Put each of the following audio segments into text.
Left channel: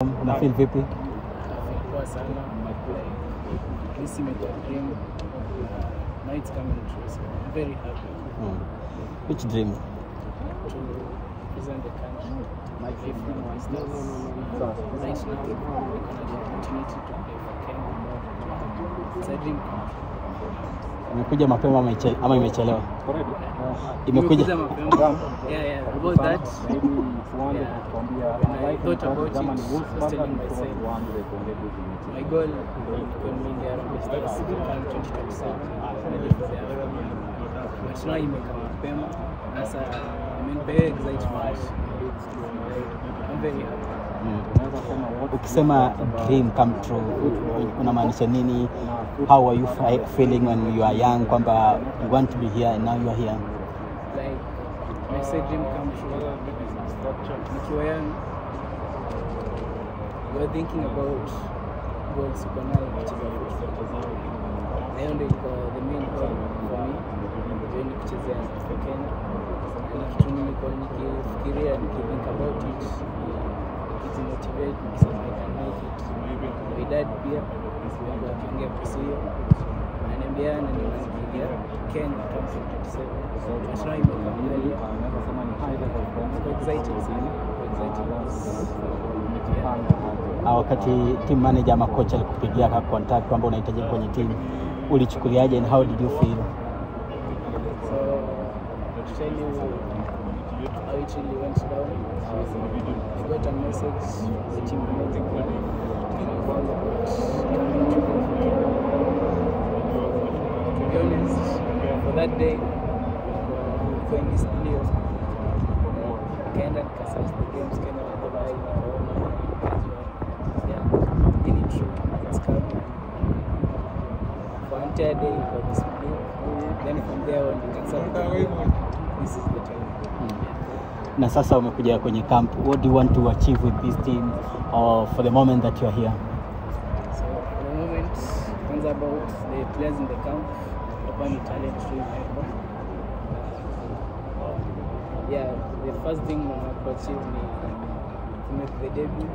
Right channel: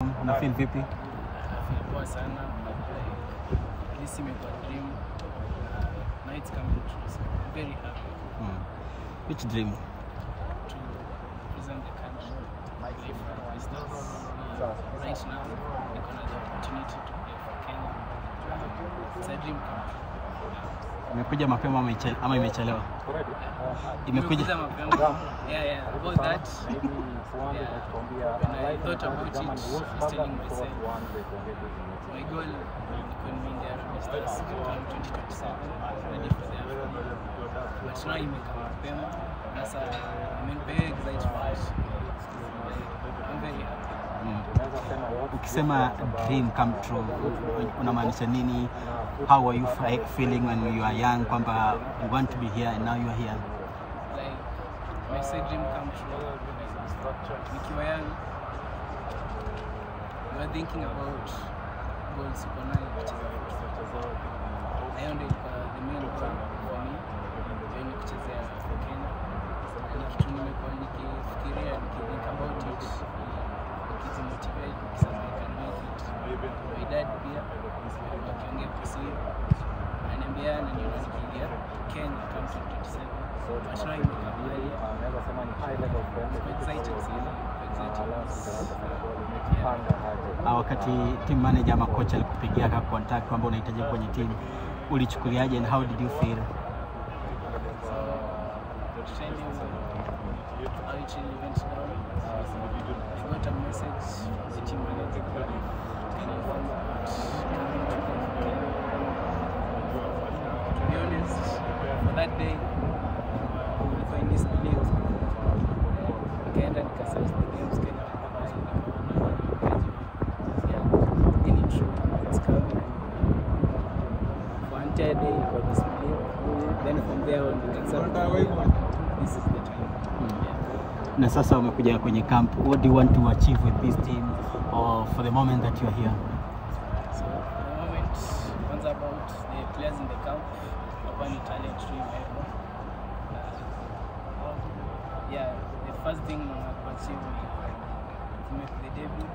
Una feel vipi? Poa sana. This is my dream. Now it's coming true. So I'm very happy. Which dream? To represent the country. My favorite stars. Right now, we're gonna have the opportunity to play for Kenya. It's a dream come true. Imekuja mapema ama imechelewa? Imekuja mapema. Yeah. About that. Yeah. When I thought about it, I was telling myself, my goal could be in the Harambee Stars come 2027, ready for the Afro. But now you make a mapema. That's I'm very excited for it. I'm very happy. Ukisema dream come true, unamaanisha nini? How were you feeling when you are young? Kwamba you want to be here and now you are here. Like I said, dream come true. Nikiwa young, you were thinking about goals uko nayo kucheza football. Leo ndio the main goal for me. Ndio ni kucheza for Kenya. Ni kitu nimekuwa nikifikiria, think about it, nikimotivate, nikisema I can make it. My dad pia ndio akiongea kuhusu hiyo. Ananiambia na niona nikiingia Kenya 2027. But now imekuwa mbali. I'm excited. Wakati team manager ama coach alikupigia contact kwamba unahitaji kwenye team, ulichukuliaje and how did you feel? So to tell you how it really went down, I got a message from the team manager and informed about coming to Kenya. To be honest, for that day, we were in this video. Day got this video. Then from there on we can start. This is the time. Na sasa umekuja kwenye camp. What do you want to achieve with this team or for the moment that you are here? So for the moment, things about the players in the camp, open talent stream. Yeah, the first thing I want to achieve is to make the debut.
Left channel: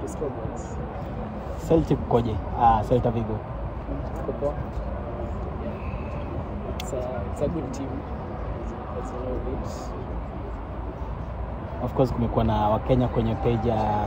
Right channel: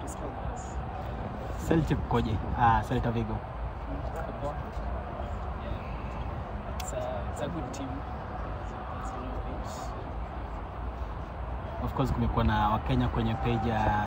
To score goals. Celtic koje? Celta Vigo. Yeah. It's a good team. That's a lot of it. Of course kumekuwa na Wakenya kwenye page ya